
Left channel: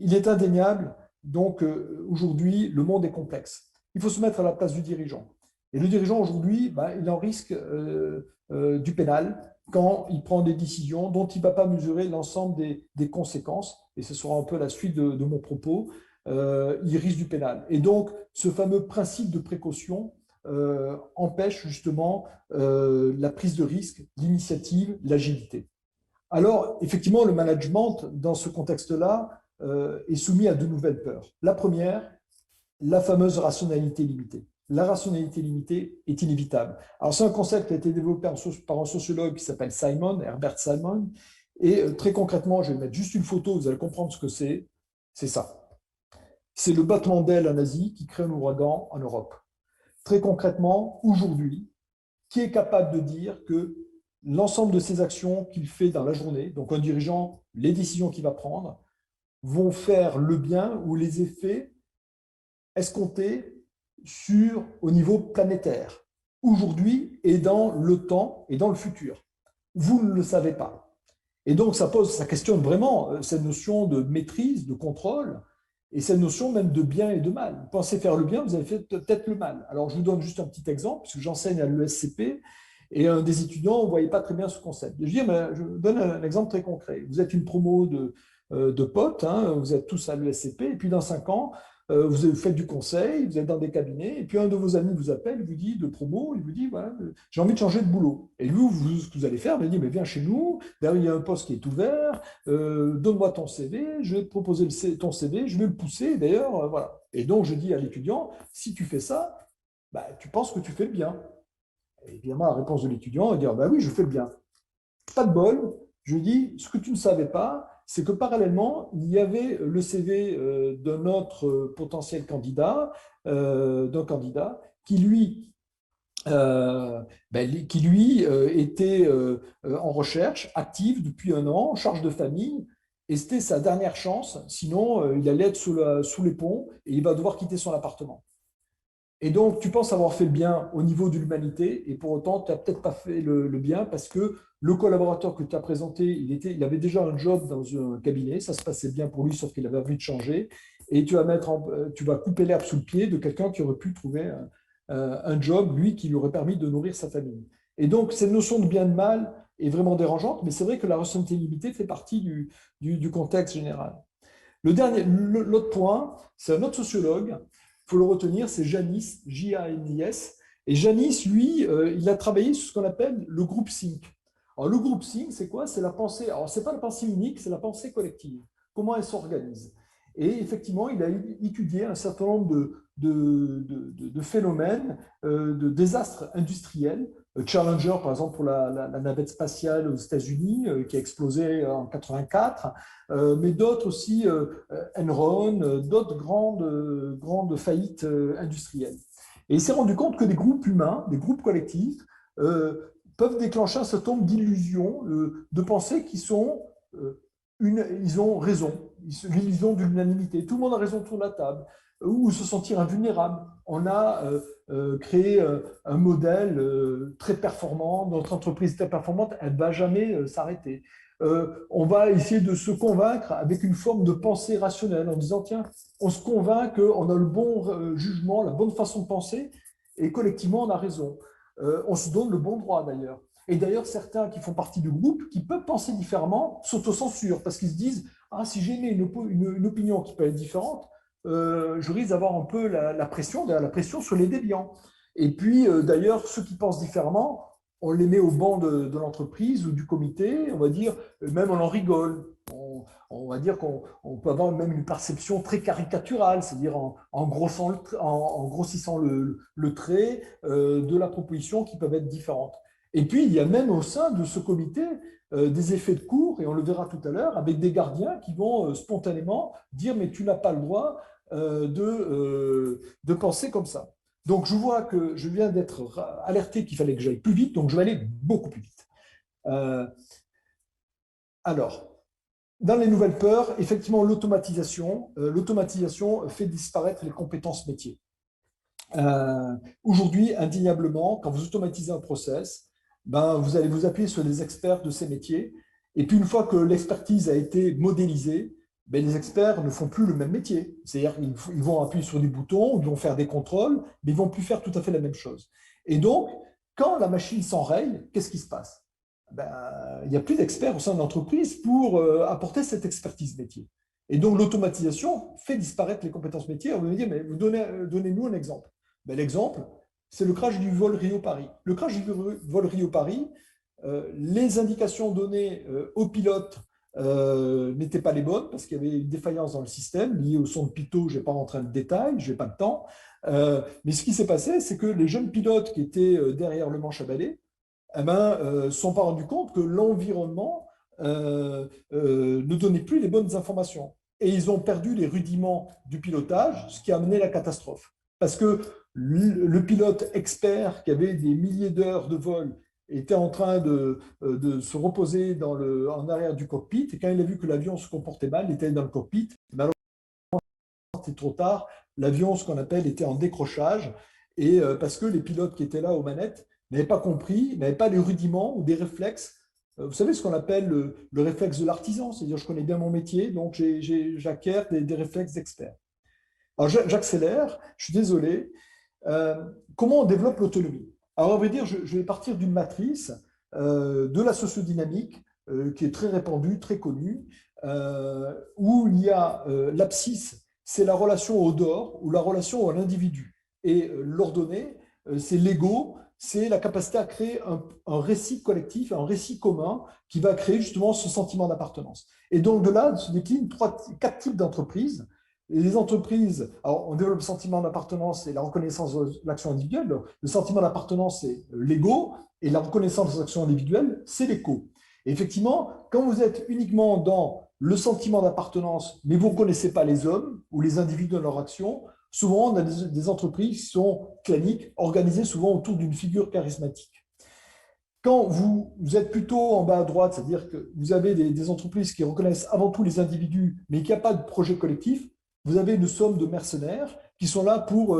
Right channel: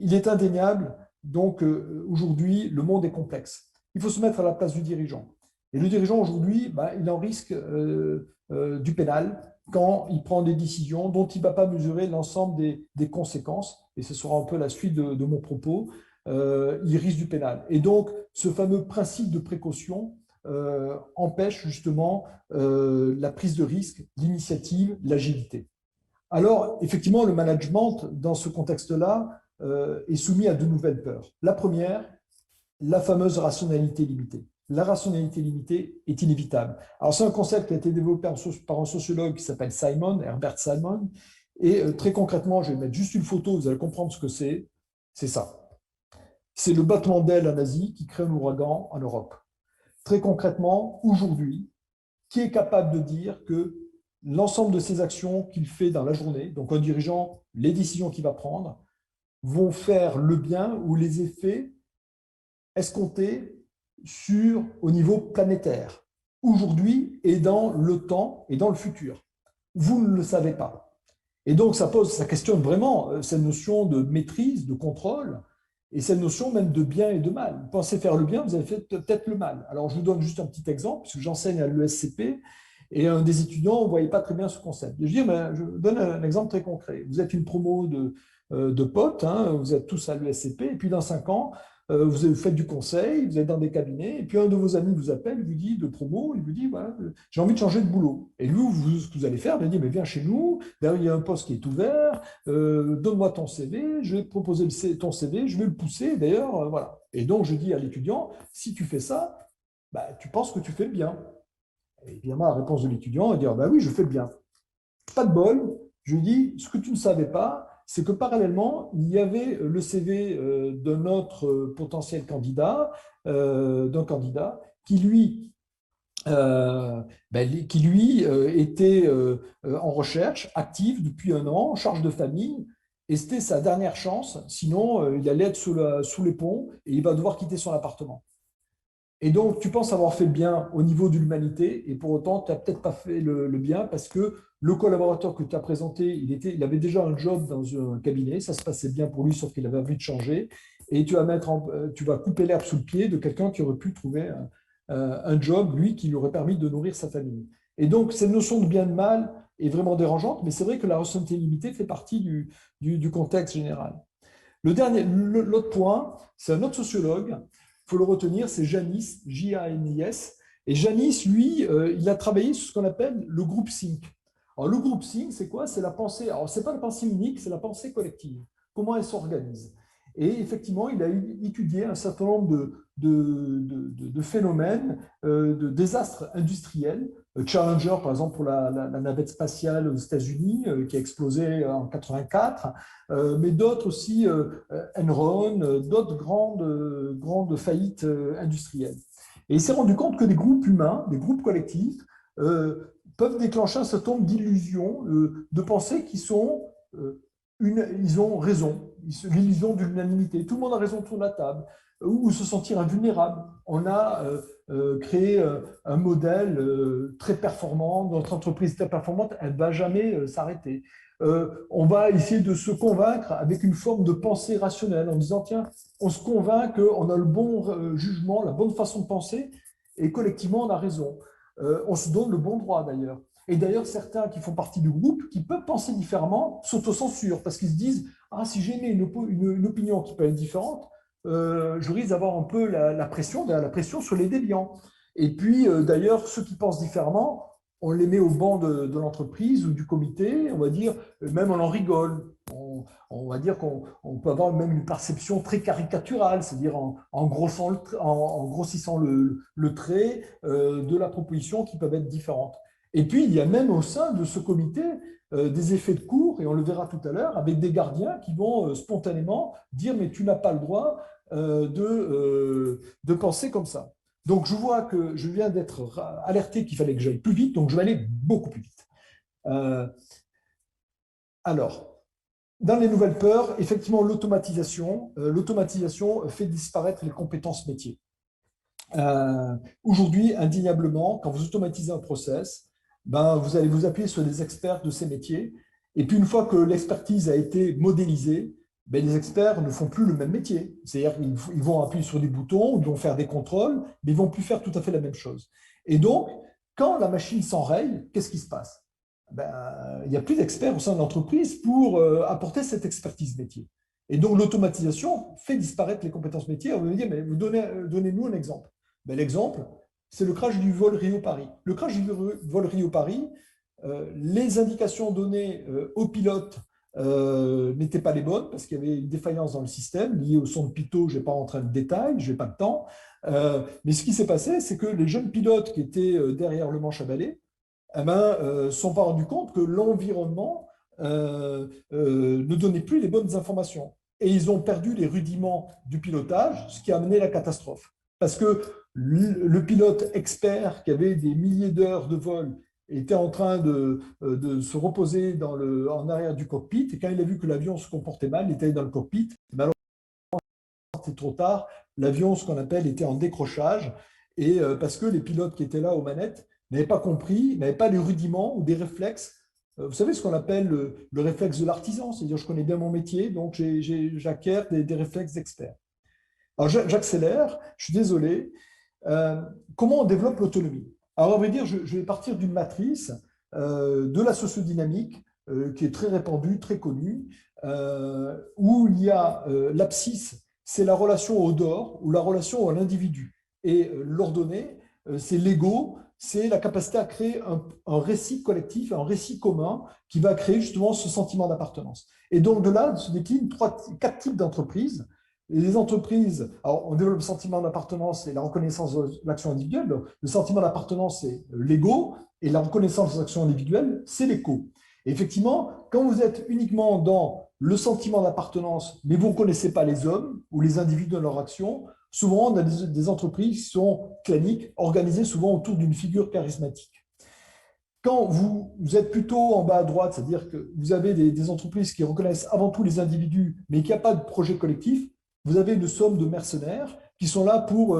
Il est indéniable, donc aujourd'hui, le monde est complexe. Il faut se mettre à la place du dirigeant. Et le dirigeant aujourd'hui, ben, il en risque du pénal quand il prend des décisions dont il ne va pas mesurer l'ensemble des conséquences. Et ce sera un peu la suite de mon propos. Il risque du pénal. Et donc, ce fameux principe de précaution empêche justement la prise de risque, l'initiative, l'agilité. Alors, effectivement, le management, dans ce contexte-là, est soumis à de nouvelles peurs. La première, la fameuse rationalité limitée. La rationalité limitée est inévitable. Alors, c'est un concept qui a été développé par un sociologue qui s'appelle Simon, Herbert Simon. Et très concrètement, je vais mettre juste une photo, vous allez comprendre ce que c'est. C'est ça. C'est le battement d'aile en Asie qui crée un ouragan en Europe. Très concrètement, aujourd'hui, qui est capable de dire que l'ensemble de ces actions qu'il fait dans la journée, donc un dirigeant, les décisions qu'il va prendre, vont faire le bien ou les effets escomptés au niveau planétaire, aujourd'hui et dans le temps et dans le futur. Vous ne le savez pas. Et donc, ça questionne vraiment cette notion de maîtrise, de contrôle, et cette notion même de bien et de mal. Vous pensez faire le bien, vous avez fait peut-être le mal. Alors, je vous donne juste un petit exemple, puisque j'enseigne à l'ESCP, et un des étudiants ne voyait pas très bien ce concept. Je donne un exemple très concret. Vous êtes une promo de potes, hein, vous êtes tous à l'ESCP, et puis dans 5 ans, vous faites du conseil, vous êtes dans des cabinets, et puis un de vos amis vous appelle, vous dit de promo, il vous dit, voilà, j'ai envie de changer de boulot. Et lui, ce que vous allez faire, vous dit, mais viens chez nous, derrière il y a un poste qui est ouvert, donne-moi ton CV, je vais te proposer ton CV, je vais le pousser, d'ailleurs, voilà. Et donc, je dis à l'étudiant, si tu fais ça, bah, tu penses que tu fais le bien. Et évidemment, la réponse de l'étudiant est de dire, bah oui, je fais le bien. Pas de bol, Je lui dis, ce que tu ne savais pas, c'est que parallèlement, il y avait le CV d'un autre potentiel candidat, d'un candidat qui lui était en recherche active depuis 1 an, en charge de famille, et c'était sa dernière chance, sinon il allait être sous les ponts et il va devoir quitter son appartement. Et donc, tu penses avoir fait le bien au niveau de l'humanité, et pour autant, tu n'as peut-être pas fait le bien parce que le collaborateur que tu as présenté, il avait déjà un job dans un cabinet, ça se passait bien pour lui, sauf qu'il avait envie de changer, et tu vas couper l'herbe sous le pied de quelqu'un qui aurait pu trouver un job, lui, qui lui aurait permis de nourrir sa famille. Et donc, cette notion de bien et de mal est vraiment dérangeante, mais c'est vrai que la responsabilité limitée fait partie du contexte général. L'autre point, c'est un autre sociologue, il faut le retenir, c'est Janis, Janis. Et Janis, lui, il a travaillé sur ce qu'on appelle le groupe think. Alors, le groupe think, c'est quoi? C'est la pensée. Alors, ce n'est pas la pensée unique, c'est la pensée collective. Comment elle s'organise? Et effectivement, il a étudié un certain nombre de phénomènes, de désastres industriels. Challenger, par exemple, pour la navette spatiale aux États-Unis, qui a explosé en 84, mais d'autres aussi, Enron, d'autres grandes faillites industrielles. Et il s'est rendu compte que des groupes humains, des groupes collectifs, peuvent déclencher un certain nombre d'illusions, de pensées qui sont ils ont raison, l'illusion de l'unanimité. Tout le monde a raison autour de la table, ou se sentir invulnérable. On a créé un modèle très performant, notre entreprise très performante, elle ne va jamais s'arrêter. On va essayer de se convaincre avec une forme de pensée rationnelle en disant, tiens, on se convainc qu'on a le bon jugement, la bonne façon de penser, et collectivement, on a raison. On se donne le bon droit d'ailleurs. Et d'ailleurs, certains qui font partie du groupe, qui peuvent penser différemment, s'autocensurent parce qu'ils se disent, ah, si j'émets une opinion qui peut être différente, je risque d'avoir un peu la pression sur les déviants. Et puis, d'ailleurs, ceux qui pensent différemment, on les met au banc de l'entreprise ou du comité, on va dire, même on en rigole. On va dire qu'on peut avoir même une perception très caricaturale, c'est-à-dire en grossissant le trait de la proposition qui peuvent être différentes. Et puis, il y a même au sein de ce comité des effets de cour, et on le verra tout à l'heure, avec des gardiens qui vont spontanément dire, mais tu n'as pas le droit de penser comme ça. Donc, je vois que je viens d'être alerté qu'il fallait que j'aille plus vite, donc je vais aller beaucoup plus vite. Alors, dans les nouvelles peurs, effectivement, l'automatisation fait disparaître les compétences métiers. Aujourd'hui, indéniablement, quand vous automatisez un process, ben, vous allez vous appuyer sur des experts de ces métiers. Et puis, une fois que l'expertise a été modélisée, ben, les experts ne font plus le même métier. C'est-à-dire qu'ils vont appuyer sur des boutons, ils vont faire des contrôles, mais ils ne vont plus faire tout à fait la même chose. Et donc, quand la machine s'enraye, qu'est-ce qui se passe? Ben, il n'y a plus d'experts au sein de l'entreprise pour apporter cette expertise métier. Et donc, l'automatisation fait disparaître les compétences métiers. On va me dire, mais donnez-nous un exemple. Ben, l'exemple, c'est le crash du vol Rio-Paris. Le crash du vol Rio-Paris, les indications données aux pilotes n'étaient pas les bonnes parce qu'il y avait une défaillance dans le système liée au son de pitot. Je ne vais pas rentrer dans le détail, je n'ai pas le temps. Mais ce qui s'est passé, c'est que les jeunes pilotes qui étaient derrière le manche à balai eh ben, sont pas rendus compte que l'environnement ne donnait plus les bonnes informations. Et ils ont perdu les rudiments du pilotage, ce qui a amené la catastrophe. Parce que le pilote expert qui avait des milliers d'heures de vol était en train de se reposer en arrière du cockpit. Et quand il a vu que l'avion se comportait mal, il était dans le cockpit. Malheureusement, c'était trop tard. L'avion, ce qu'on appelle, était en décrochage. Et parce que les pilotes qui étaient là aux manettes n'avaient pas compris, n'avaient pas les rudiments ou des réflexes. Vous savez ce qu'on appelle le réflexe de l'artisan, c'est-à-dire je connais bien mon métier, donc j'acquiers des réflexes d'expert. Alors j'accélère, je suis désolé. Comment on développe l'autonomie? Alors on va dire, je vais partir d'une matrice de la sociodynamique qui est très répandue, très connue, où il y a l'abscisse, c'est la relation au dehors ou la relation à l'individu. Et l'ordonnée, c'est l'ego, c'est la capacité à créer un récit collectif, un récit commun qui va créer justement ce sentiment d'appartenance. Et donc de là se déclinent quatre types d'entreprises. Les entreprises, alors on développe le sentiment d'appartenance et la reconnaissance de l'action individuelle. Le sentiment d'appartenance, c'est l'ego, et la reconnaissance de l'action individuelle, c'est l'éco. Et effectivement, quand vous êtes uniquement dans le sentiment d'appartenance, mais vous ne connaissez pas les hommes ou les individus dans leur action, souvent on a des entreprises qui sont claniques, organisées souvent autour d'une figure charismatique. Quand vous êtes plutôt en bas à droite, c'est-à-dire que vous avez des entreprises qui reconnaissent avant tout les individus, mais qu'il n'y a pas de projet collectif, vous avez une somme de mercenaires qui sont là pour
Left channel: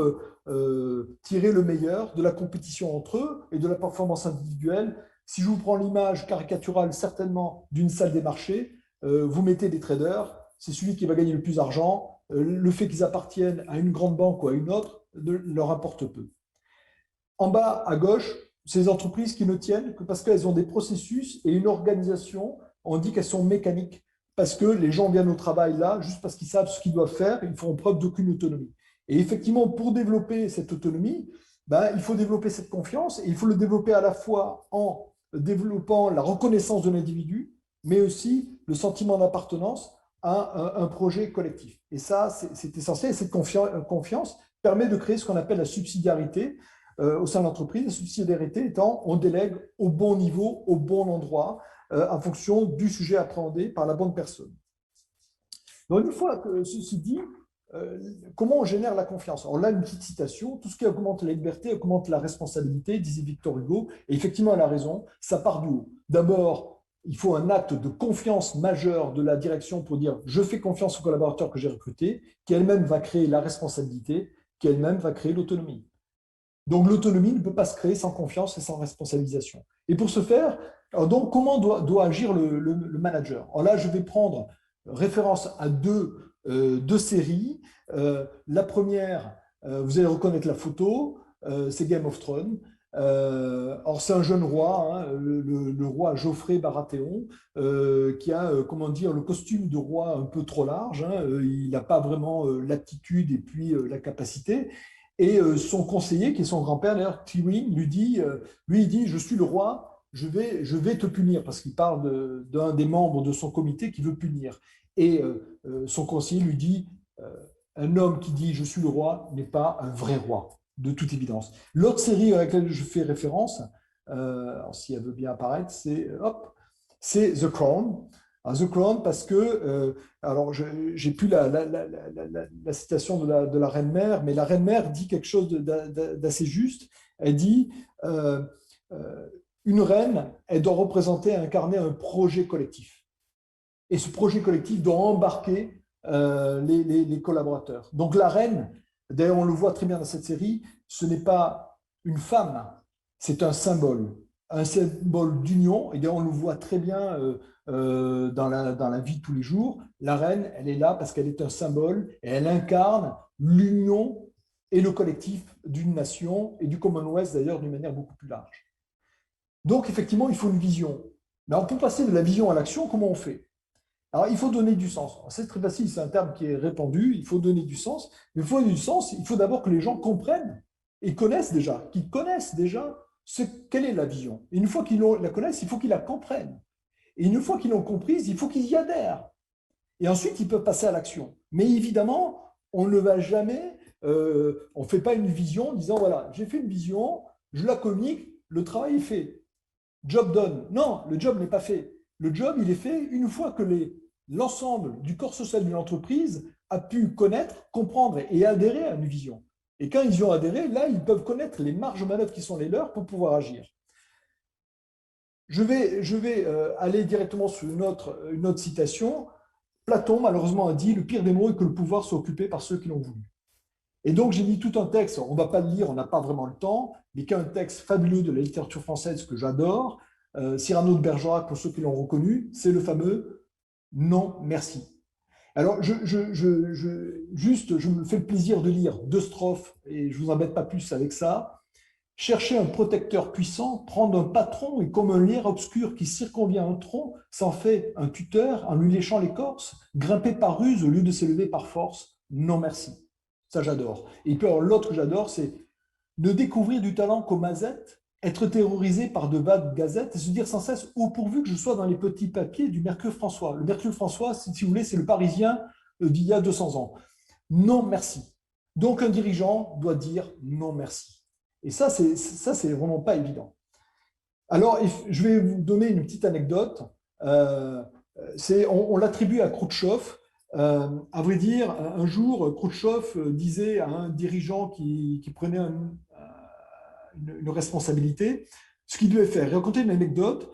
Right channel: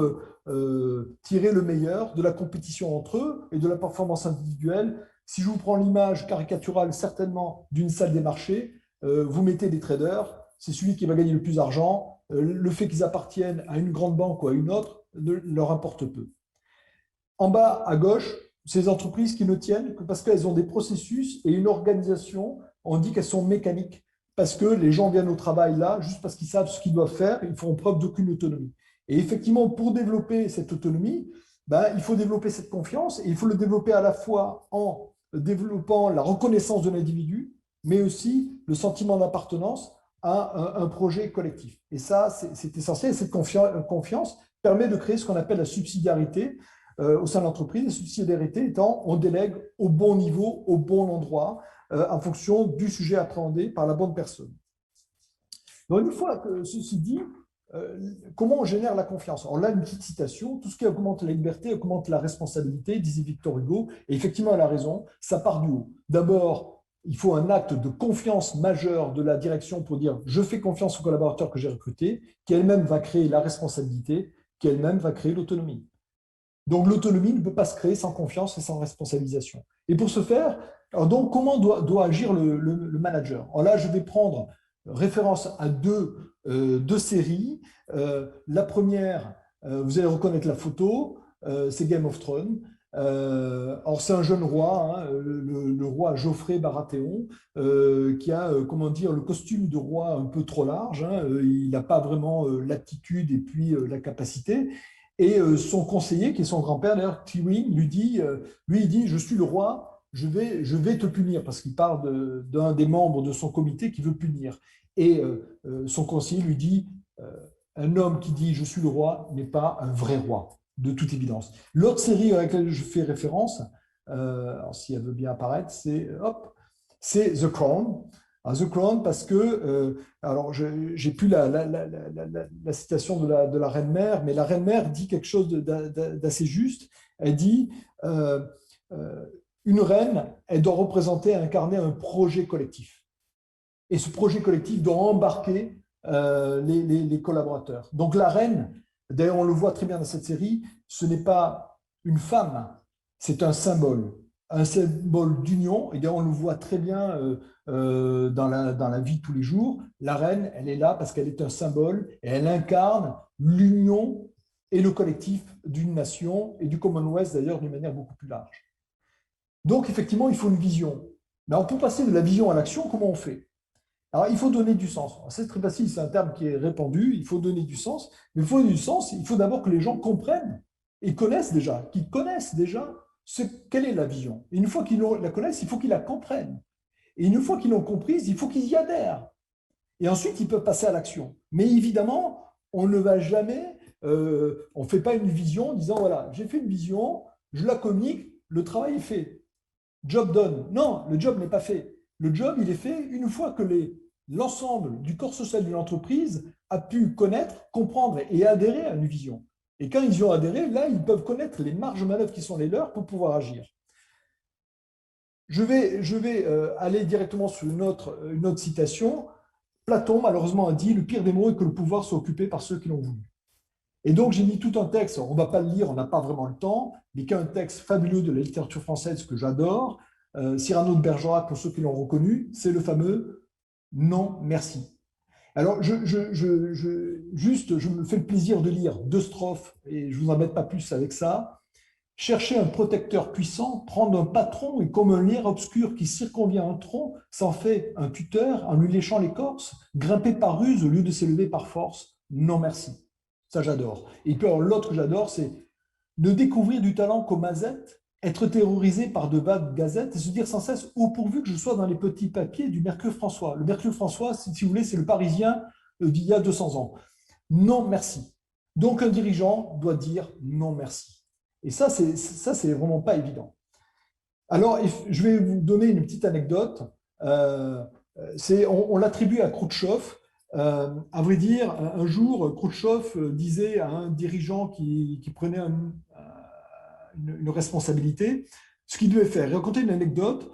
tirer le meilleur de la compétition entre eux et de la performance individuelle. Si je vous prends l'image caricaturale certainement d'une salle des marchés, vous mettez des traders, c'est celui qui va gagner le plus d'argent. Le fait qu'ils appartiennent à une grande banque ou à une autre leur importe peu. En bas à gauche, ces entreprises qui ne tiennent que parce qu'elles ont des processus et une organisation, on dit qu'elles sont mécaniques, parce que les gens viennent au travail là, juste parce qu'ils savent ce qu'ils doivent faire, ils font preuve d'aucune autonomie. Et effectivement, pour développer cette autonomie, ben, il faut développer cette confiance, et il faut le développer à la fois en développant la reconnaissance de l'individu, mais aussi le sentiment d'appartenance à un projet collectif. Et ça, c'est essentiel. Et cette confiance permet de créer ce qu'on appelle la subsidiarité, au sein de l'entreprise, la subsidiarité étant on délègue au bon niveau, au bon endroit, en fonction du sujet appréhendé par la bonne personne. Donc, une fois que ceci dit, comment on génère la confiance? Alors là, une petite citation, tout ce qui augmente la liberté augmente la responsabilité, disait Victor Hugo, et effectivement, elle a raison, ça part du haut. D'abord, il faut un acte de confiance majeur de la direction pour dire je fais confiance au collaborateur que j'ai recruté, qui elle-même va créer la responsabilité, qui elle-même va créer l'autonomie. Donc l'autonomie ne peut pas se créer sans confiance et sans responsabilisation. Et pour ce faire, donc, comment doit agir le manager? Alors là, je vais prendre référence à deux séries. La première, vous allez reconnaître la photo, c'est Game of Thrones. Alors c'est un jeune roi, hein, le roi Geoffrey Baratheon, qui a, comment dire, le costume de roi un peu trop large. Hein, il n'a pas vraiment l'aptitude et puis la capacité. Et son conseiller, qui est son grand-père, d'ailleurs, Tywin, lui, il dit, je suis le roi, je vais te punir, parce qu'il parle d'un des membres de son comité qui veut punir. Et son conseiller lui dit, un homme qui dit, je suis le roi, n'est pas un vrai roi, de toute évidence. L'autre série à laquelle je fais référence, si elle veut bien apparaître, c'est The Crown. The Crown, parce que, alors j'ai plus la citation de la reine-mère, mais la reine-mère dit quelque chose d'assez juste. Elle dit une reine, elle doit représenter, incarner un projet collectif. Et ce projet collectif doit embarquer les collaborateurs. Donc la reine, d'ailleurs on le voit très bien dans cette série, ce n'est pas une femme, c'est un symbole d'union, et on le voit très bien dans la vie de tous les jours. La reine, elle est là parce qu'elle est un symbole et elle incarne l'union et le collectif d'une nation et du Commonwealth d'ailleurs d'une manière beaucoup plus large. Donc effectivement, il faut une vision. Mais alors, pour passer de la vision à l'action, comment on fait? Alors, il faut donner du sens. C'est très facile, c'est un terme qui est répandu, il faut donner du sens. Mais il faut donner du sens, il faut d'abord que les gens comprennent et qu'ils connaissent déjà quelle est la vision. Et une fois qu'ils la connaissent, il faut qu'ils la comprennent. Et une fois qu'ils l'ont comprise, il faut qu'ils y adhèrent. Et ensuite, ils peuvent passer à l'action. Mais évidemment, on ne va jamais, on ne fait pas une vision en disant, voilà, j'ai fait une vision, je la communique, le travail est fait. Job done. Non, le job n'est pas fait. Le job, il est fait une fois que l'ensemble du corps social de l'entreprise a pu connaître, comprendre et adhérer à une vision. Et quand ils y ont adhéré, là, ils peuvent connaître les marges de manœuvre qui sont les leurs pour pouvoir agir. Je vais aller directement sur une autre citation. Platon, malheureusement, a dit « Le pire des maux est que le pouvoir soit occupé par ceux qui l'ont voulu ». Et donc, j'ai mis tout un texte, on ne va pas le lire, on n'a pas vraiment le temps, mais qui est un texte fabuleux de la littérature française que j'adore. Cyrano de Bergerac, pour ceux qui l'ont reconnu, c'est le fameux « Non, merci ». Alors, je me fais le plaisir de lire deux strophes, et je ne vous embête pas plus avec ça. Chercher un protecteur puissant, prendre un patron et comme un lierre obscur qui circonvient un tronc, s'en fait un tuteur en lui léchant l'écorce, grimper par ruse au lieu de s'élever par force. Non merci. Ça j'adore. Et puis l'autre que j'adore, c'est de découvrir du talent qu'aux mazettes, être terrorisé par de vagues gazettes et se dire sans cesse « Oh, pourvu que je sois dans les petits papiers du Mercure François ». Le Mercure François, si vous voulez, c'est le Parisien d'il y a 200 ans. Non merci. Donc un dirigeant doit dire non merci. Et ça, c'est vraiment pas évident. Alors, je vais vous donner une petite anecdote. Euh, on l'attribue à Khrouchtchev. À vrai dire, un jour, Khrouchtchev disait à un dirigeant qui prenait une responsabilité ce qu'il devait faire. Il racontait une anecdote.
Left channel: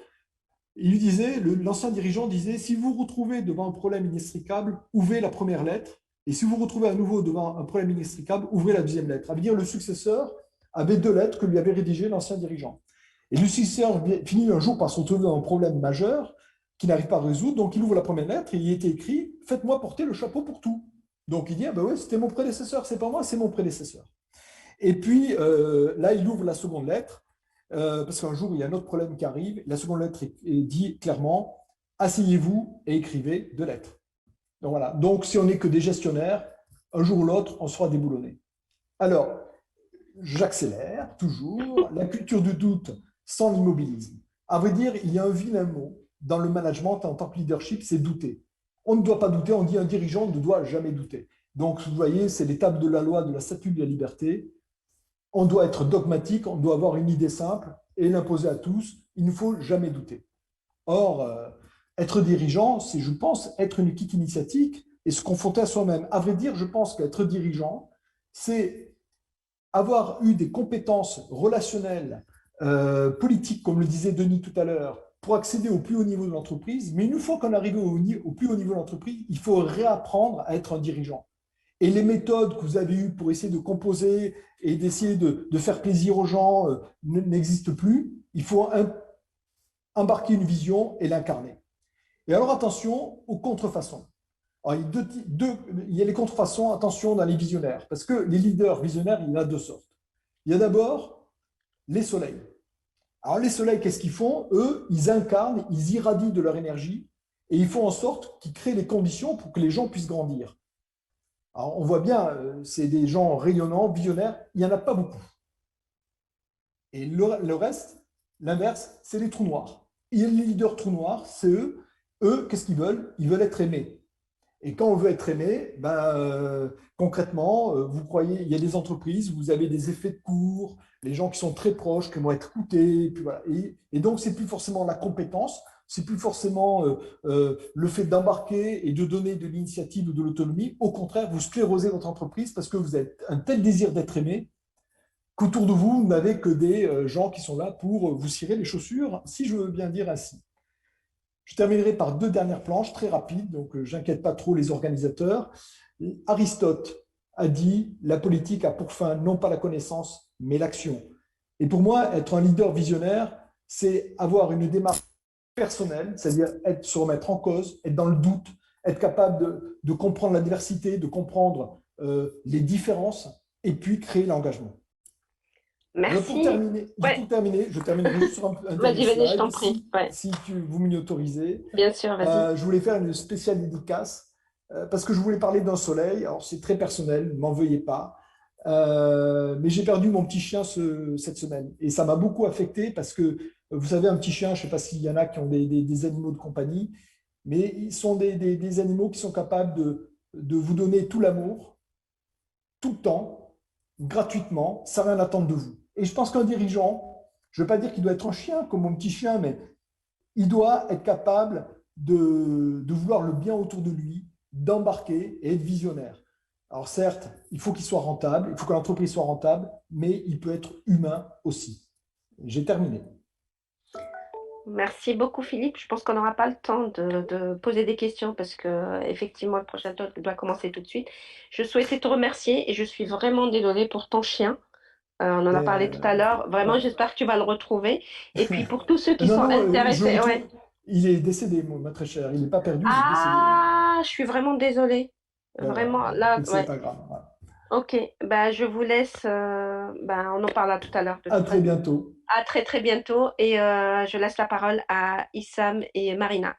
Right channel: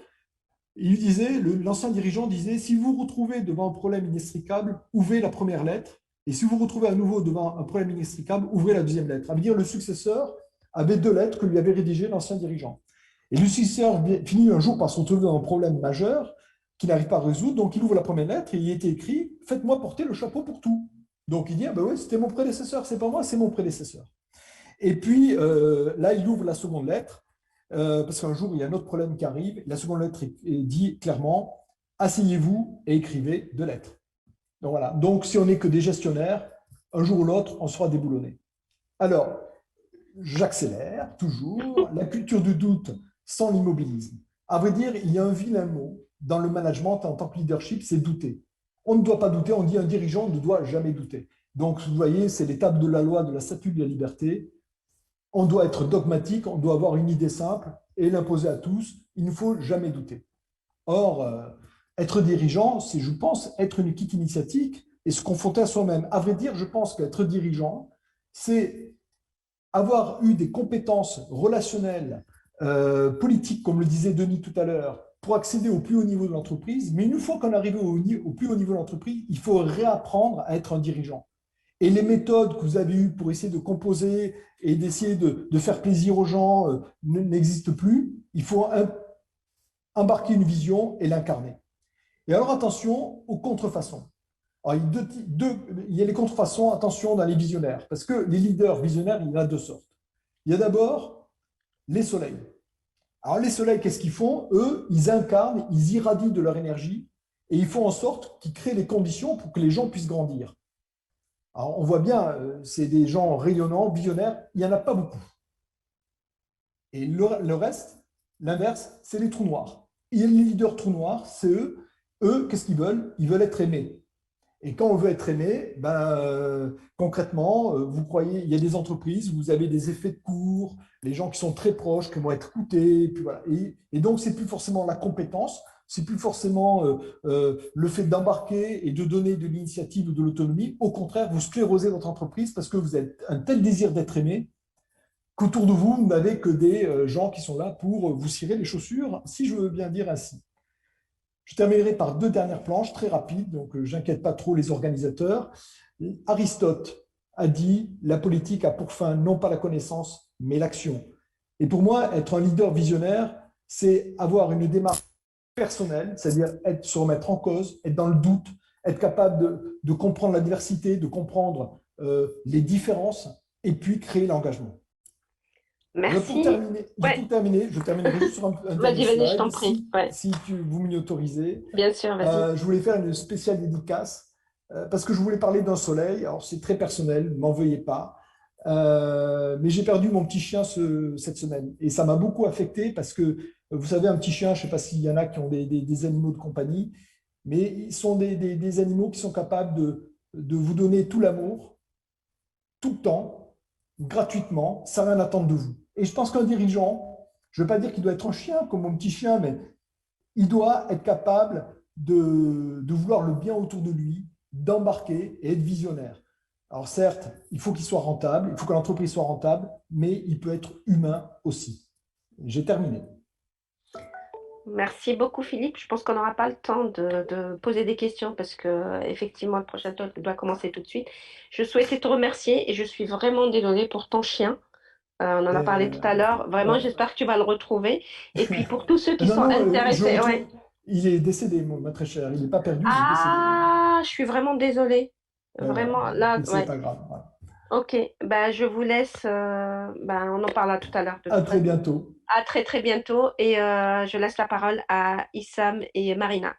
Il lui disait, l'ancien dirigeant disait, si vous vous retrouvez devant un problème inextricable, ouvrez la première lettre. Et si vous vous retrouvez à nouveau devant un problème inextricable, ouvrez la deuxième lettre. Ça veut dire le successeur avait deux lettres que lui avait rédigées l'ancien dirigeant. Et le successeur finit un jour par se retrouver dans un problème majeur qu'il n'arrive pas à résoudre. Donc il ouvre la première lettre et il y était écrit, faites-moi porter le chapeau pour tout. Donc il dit, ah ben oui, c'était mon prédécesseur, c'est pas moi, c'est mon prédécesseur. Et puis là, il ouvre la seconde lettre, parce qu'un jour, il y a un autre problème qui arrive. La seconde lettre dit clairement, asseyez-vous et écrivez deux lettres. Donc voilà. Donc si on n'est que des gestionnaires, un jour ou l'autre, on sera déboulonné. Alors, j'accélère toujours. La culture du doute sans l'immobilisme. À vrai dire, il y a un vilain mot dans le management en tant que leadership, c'est douter. On ne doit pas douter, on dit un dirigeant ne doit jamais douter. Donc, vous voyez, c'est l'étape de la loi de la statue de la liberté. On doit être dogmatique, on doit avoir une idée simple et l'imposer à tous. Il ne faut jamais douter. Or, être dirigeant, c'est, je pense, être une équipe initiatique et se confronter à soi-même. À vrai dire, je pense qu'être dirigeant, c'est avoir eu des compétences relationnelles, politiques, comme le disait Denis tout à l'heure, pour accéder au plus haut niveau de l'entreprise. Mais une fois qu'on est arrivé au plus haut niveau de l'entreprise, il faut réapprendre à être un dirigeant. Et les méthodes que vous avez eues pour essayer de composer et d'essayer de faire plaisir aux gens n'existent plus. Il faut embarquer une vision et l'incarner. Et alors attention aux contrefaçons. Alors, il y a les contrefaçons, attention dans les visionnaires, parce que les leaders visionnaires, il y en a deux sortes. Il y a d'abord les soleils. Alors les soleils, qu'est-ce qu'ils font? Eux, ils incarnent, ils irradient de leur énergie et ils font en sorte qu'ils créent les conditions pour que les gens puissent grandir. Alors, on voit bien, c'est des gens rayonnants, visionnaires, il n'y en a pas beaucoup. Et le reste, l'inverse, c'est les trous noirs. Et les leaders trous noirs, c'est eux. Eux, qu'est-ce qu'ils veulent? Ils veulent être aimés. Et quand on veut être aimé, ben, concrètement, vous croyez, il y a des entreprises où vous avez des effets de cours, les gens qui sont très proches, qui vont être écoutés, et, puis voilà. Et donc, c'est plus forcément la compétence, c'est plus forcément le fait d'embarquer et de donner de l'initiative ou de l'autonomie. Au contraire, vous sclérosez votre entreprise parce que vous avez un tel désir d'être aimé qu'autour de vous, vous n'avez que des gens qui sont là pour vous cirer les chaussures, si je veux bien dire ainsi. Je terminerai par deux dernières planches très rapides, donc j'inquiète pas trop les organisateurs. Aristote a dit la politique a pour fin non pas la connaissance, mais l'action. Et pour moi, être un leader visionnaire, c'est avoir une démarche personnelle, c'est-à-dire se remettre en cause, être dans le doute, être capable de comprendre la diversité, de comprendre les différences, et puis créer l'engagement. Merci. Ouais, Pour terminer, je terminerai juste sur un dernier vas-y, je t'en slide, prie. Ouais, si vous m'y autorisez. bien sûr, vas-y. Je voulais faire une spéciale dédicace parce que je voulais parler d'un soleil. Alors, c'est très personnel, ne m'en veuillez pas. Mais j'ai perdu mon petit chien cette semaine et ça m'a beaucoup affecté parce que, vous savez, un petit chien, je ne sais pas s'il y en a qui ont des animaux de compagnie, mais ils sont des animaux qui sont capables de vous donner tout l'amour, tout le temps, gratuitement, sans rien attendre de vous. Et je pense qu'un dirigeant, je ne veux pas dire qu'il doit être un chien comme mon petit chien, mais il doit être capable de vouloir le bien autour de lui, d'embarquer et être visionnaire. Alors certes, il faut qu'il soit rentable, il faut que l'entreprise soit rentable, mais il peut être humain aussi. J'ai terminé. Merci beaucoup, Philippe. Je pense qu'on n'aura pas le temps de poser des questions parce que effectivement, le prochain talk doit commencer tout de suite. Je souhaitais te remercier et je suis vraiment désolée pour ton chien. On en a parlé tout à l'heure. Vraiment, Ouais. j'espère que tu vas le retrouver. Et puis pour tous ceux qui Non, sont non, je intéressés, ouais. retrouve. Il est décédé, ma très chère. Il n'est pas perdu, il est décédé. Ah, je suis vraiment désolée. Ouais. Vraiment, là, Mais c'est ouais. pas grave. Voilà. Ok, bah, je vous laisse. Bah, on en parlera tout à l'heure de À toute très façon. bientôt. À très très bientôt et je laisse la parole à Issam et Marina.